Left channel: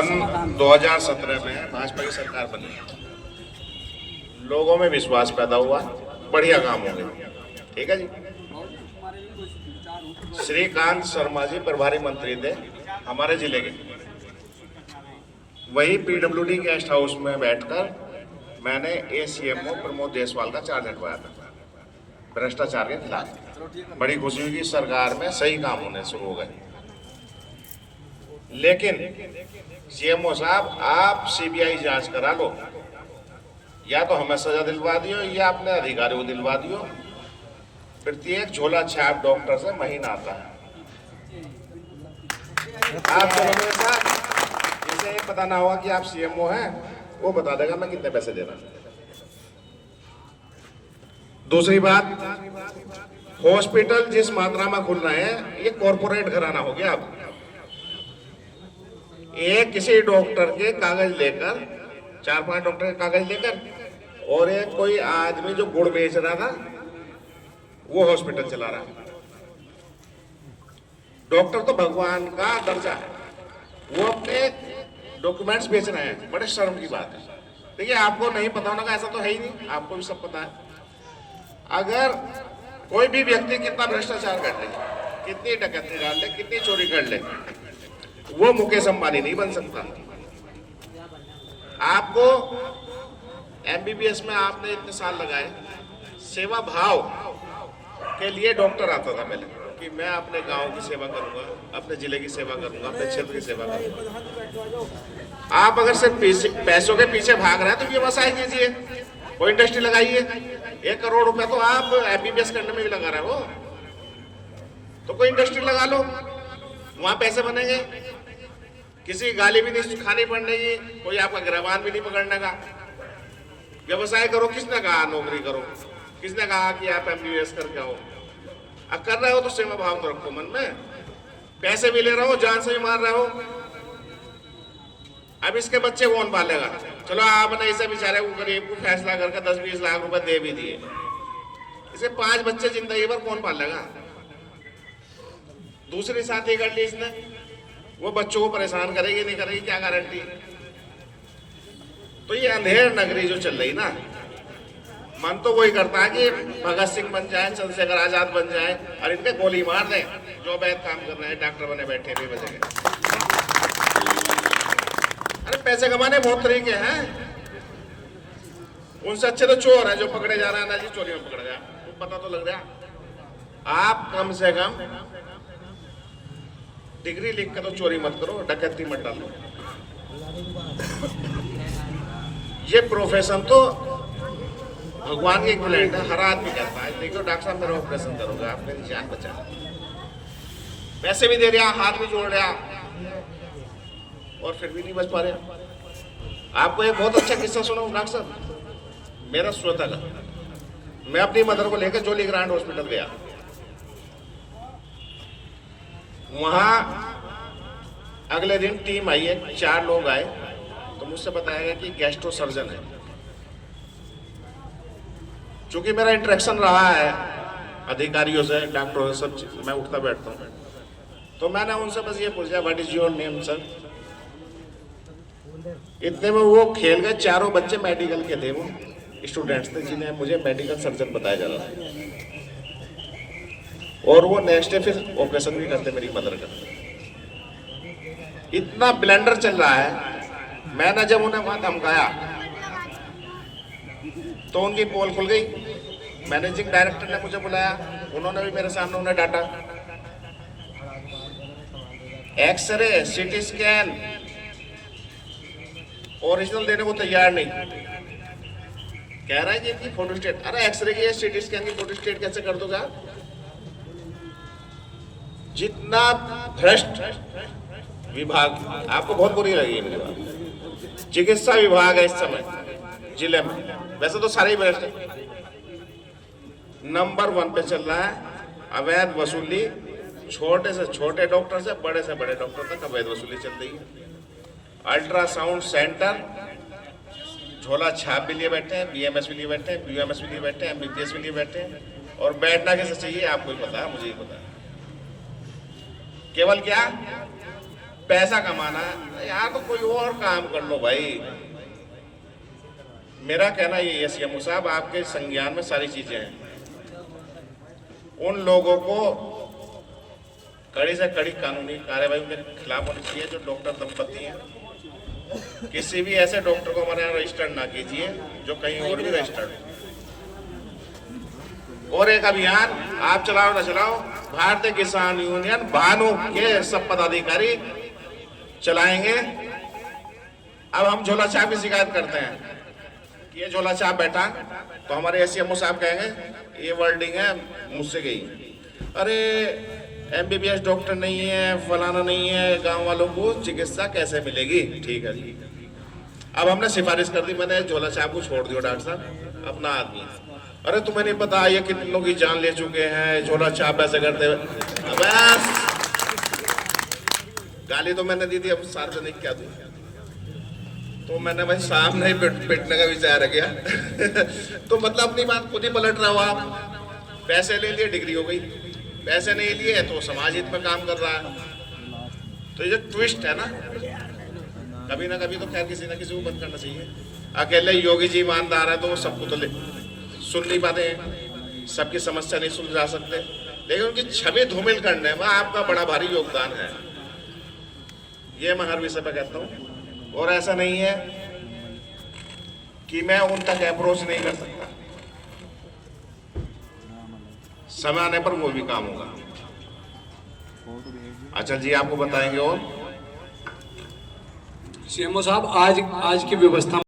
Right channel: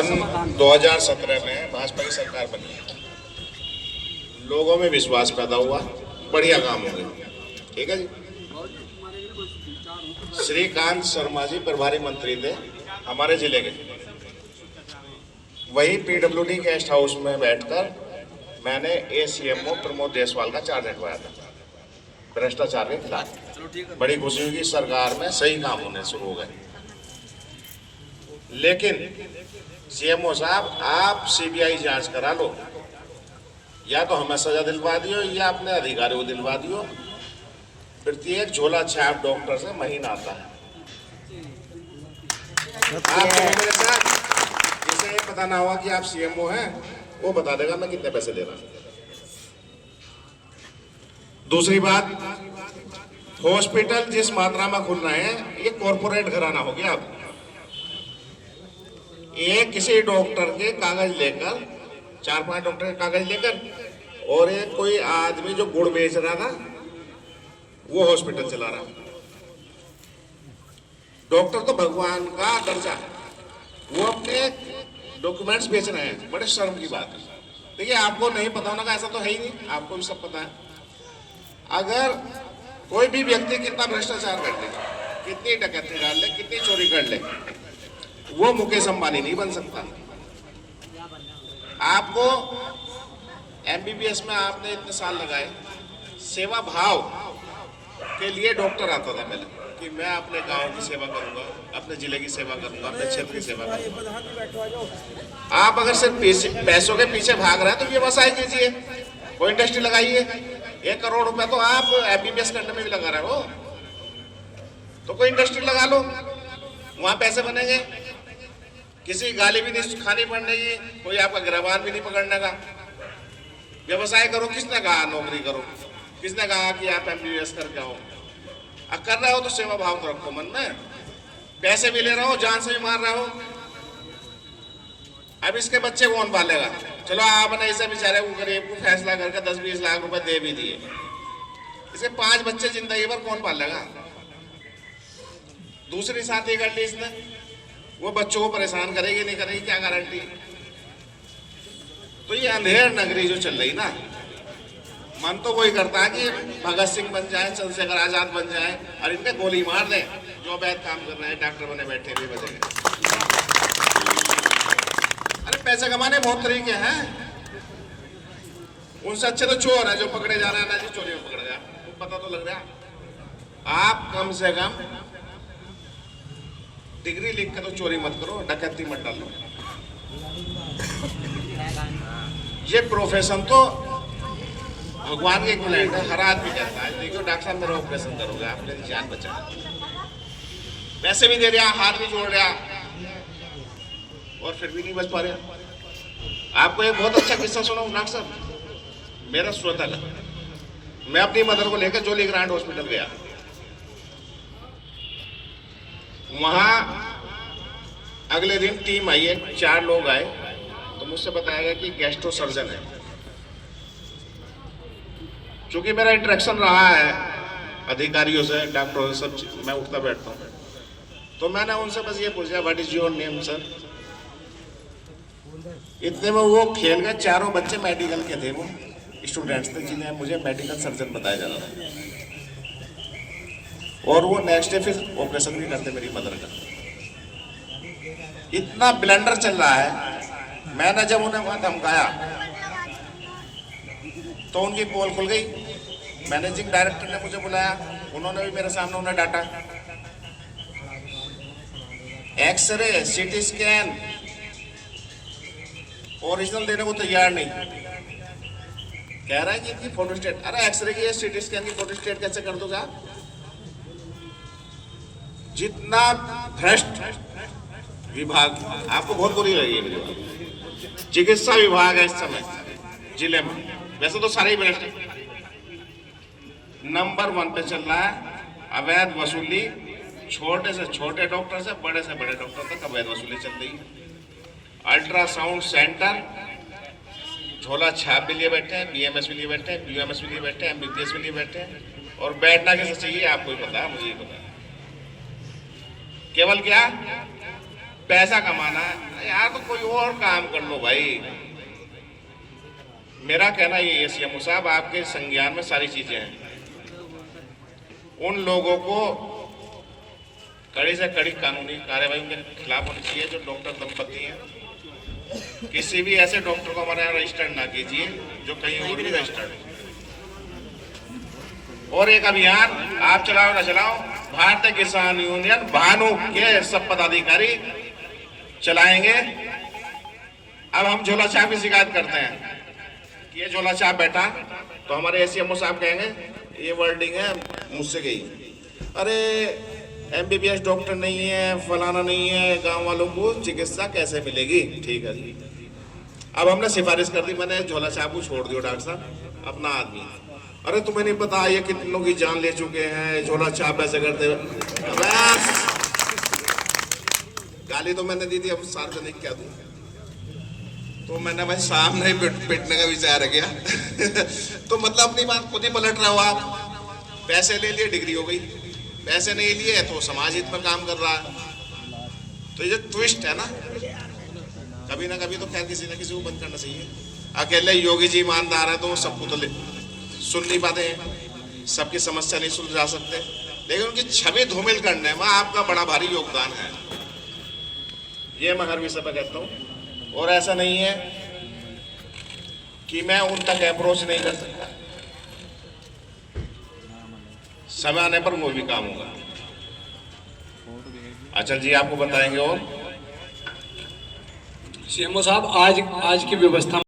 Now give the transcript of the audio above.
सन 2017 में भाजपा की सरकार बनी, लोगों में विश्वास पैदा हुआ, बढ़िया काम हो गया। ठीक है जी। श्रीकांत शर्मा जी प्रभारी मंत्री थे हमारे जिले के। वही पीडब्ल्यूडी गेस्ट हाउस में बैठकर मैंने एसीएमओ प्रमोद जायसवाल का चार्ज हटवाया था भ्रष्टाचार के खिलाफ। बड़ी खुशी हुई कि सरकार में सही काम होने शुरू हो गए। लेकिन सीएमओ साहब, आप सीबीआई जांच करा लो, या तो हमें सजा दिलवा दियो या अपने अधिकारियों को दिलवा दियो। प्रत्येक झोला छाप डॉक्टर से महीना आता है। आपको मेरे साथ जैसे ये पता ना हुआ कि आप सीएमओ हैं, वो बता देगा मैं कितने पैसे दे रहा हूं। दूसरी बात, हॉस्पिटल जिस मात्रा में खुल रहे हैं, ये कॉर्पोरेट घराना हो गया। अब एक किसी डॉक्टर के कागज लेकर, 4-5 डॉक्टर के कागज लेकर, और एक कोई आदमी जो गुड़ बेच रहा था वो हॉस्पिटल चला रहा। डॉक्टर तो भगवान का दर्जा है, वो अपने डॉक्यूमेंट्स बेच रहे हैं। बड़े शर्म की बात है। देखिए, आपको नहीं पता होना का ऐसा तो है ही नहीं, आपको भी सब पता है। अगर कोई भी व्यक्ति कितना भ्रष्टाचार कर ले, कितनी डकैती डाल ले, कितनी चोरी कर ले, वो मुकेश अंबानी नहीं बन सकता। आपको एमबीबीएस में आपने इतने साल लगाए, सेवा भाव के लिए डॉक्टर आता था पहले कि मैं अपने गांव की सेवा करूंगा, अपने जिले की सेवा करूंगा, अपने क्षेत्र की सेवा करूंगा। आप अगर सिर्फ पैसों के पीछे भाग रहे हैं तो व्यवसाय कीजिए, कोई इंडस्ट्री लगाइए। 1 करोड़ रुपया तो आप एमबीबीएस करने में भी लगा रहे हो, तो कोई इंडस्ट्री लगा लो, वहां पैसे बनेंगे। किसी गाली भी नहीं खानी पड़ने की, कोई आपका गिरबान भी नहीं पकड़ने का। व्यवसाय करो। किसने कहा नौकरी करो? किसने कहा कि आप एमबीबीएस करके आओ? कर रहे हो तो सेवा भाव तो रखो मन में। पैसे भी ले रहे हो, जान से भी मार रहे हो। अब इसके बच्चे कौन पालेगा? चलो आपने इसे बेचारे को गरीब को फैसला करके 10-20 लाख रुपए दे भी दिए, इसे 5 बच्चे जिंदगी भर कौन पालेगा? दूसरी साथी कर ली इसने, वो बच्चों को परेशान करेगी नहीं करेगी, क्या गारंटी? तो ये अंधेर नगरी जो चल रही ना, मन तो वही करता है कि भगत सिंह बन जाए, चंद्रशेखर आजाद बन जाए और इनके गोली मार दें जो अवैध काम कर रहे हैं, डॉक्टर बने बैठे भी बचेंगे। अरे पैसे कमाने बहुत तरीके हैं, उनसे अच्छे तो चोर है जो पकड़े जा रहा है ना जी, चोरी में पकड़ गया, तो पता तो लग रहा। आप कम से कम डिग्री लिख के तो चोरी मत करो, डकैती मत डालो। ये प्रोफेशन तो भगवान के इक्विवेलेंट है, हर आदमी कहता है। देखो डॉक्टर साहब मेरा ऑपरेशन करोगे, आपने जान बचा, पैसे भी दे दिया, हाथ भी जोड़ लिया, और फिर भी नहीं बच पा रहे। आपको एक बहुत अच्छा किस्सा सुनाऊं डॉक्टर साहब, मेरा श्रोता का। मैं अपनी मदर को लेकर जोली ग्रांड हॉस्पिटल गया। वहां अगले दिन टीम आई है, 4 लोग आए, तो मुझसे बताया गया कि गैस्ट्रो सर्जन है। चूंकि मेरा इंटरेक्शन रहा है अधिकारियों से, डॉक्टरों से, सब मैं उठता बैठता हूँ, तो मैंने उनसे बस ये पूछा, what is your name sir? इतने में वो खेल गए। 4 बच्चे मेडिकल के थे, वो स्टूडेंट्स थे जिन्हें मुझे मेडिकल सर्जन बताया जा रहा था, और वो नेक्स्ट डे फिर ऑपरेशन भी करते मेरी मदर का। इतना ब्लेंडर चल रहा है। मैंने जब उन्हें वहां धमकाया तो उनकी पोल खुल गई। मैनेजिंग डायरेक्टर ने मुझे बुलाया, उन्होंने भी मेरे सामने उन्हें डांटा। एक्सरे, सीटी स्कैन ओरिजिनल देने को तैयार नहीं, कह रहा है कि इनकी फोटोस्टेट। अरे एक्सरे की सीटी स्कैन की फोटोस्टेट कैसे कर दूंगा? जितना भ्रष्ट विभाग, आपको बहुत बुरी लगी मुझे, चिकित्सा विभाग है इस समय जिले में, वैसे तो सारे ही भ्रष्ट है, नंबर 1 पे चल रहा है। अवैध वसूली, छोटे से छोटे डॉक्टर से बड़े डॉक्टर तक अवैध वसूली चल रही है। अल्ट्रासाउंड सेंटर झोला छाप भी लिए बैठे हैं, बीएमएस भी लिए बैठे हैं, बीयूएमएस भी लिए बैठे हैं, एमबीबीएस भी लिए बैठे हैं, और बैठना कैसे चाहिए आपको ही पता है, मुझे ही पता है। केवल क्या पैसा कमाना है यार, तो कोई और काम कर लो भाई। मेरा कहना ये है सीएमओ साहब, आपके संज्ञान में सारी चीजें हैं। उन लोगों को कड़ी से कड़ी कानूनी कार्रवाई के खिलाफ होनी चाहिए जो डॉक्टर दंपति हैं। किसी भी ऐसे डॉक्टर को हमारे यहाँ रजिस्टर्ड ना कीजिए जो कहीं और भी रजिस्टर्ड है। और एक अभियान आप चलाओ ना चलाओ, भारतीय किसान यूनियन भानु के सब पदाधिकारी चलाएंगे। अब हम झोला छाप की शिकायत करते हैं कि ये झोला छाप बैठा, तो हमारे एसीएमओ साहब कहेंगे ये वर्डिंग है मुझसे गई, अरे एमबीबीएस डॉक्टर नहीं है, फलाना नहीं है, गांव वालों को चिकित्सा कैसे मिलेगी। ठीक है जी, अब हमने सिफारिश कर दी, मैंने झोला छाप को छोड़ दिया, डॉक्टर साहब अपना आदमी। अरे तुम्हें नहीं पता ये कितनों की जान ले चुके हैं, झोला छाप ऐसे करते हुए। बस गाली तो मैंने दी थी, अब सार्वजनिक क्या दूं। तो मैंने भाई सामने ही पिटने का विचार किया। तो मतलब अपनी बात खुद ही पलट रहा हो आप। पैसे ले लिए डिग्री हो गई, पैसे नहीं लिए तो समाज हित में काम कर रहा है। तो ये ट्विस्ट है ना, कभी ना कभी तो खैर किसी ना किसी को बंद करना चाहिए। अकेले योगी जी ईमानदार है तो सबको तो सुन नहीं पाते हैं, सबकी समस्या नहीं सुलझा सकते, लेकिन उनकी छवि धूमिल करने में आपका बड़ा भारी योगदान है। ये मैं हर विषय पर कहता हूँ। और ऐसा नहीं है कि मैं उन तक अप्रोच नहीं कर सकता, समय आने पर वो भी काम होगा। अच्छा जी, आपको बताएंगे। और सीएमओ साहब आज की व्यवस्था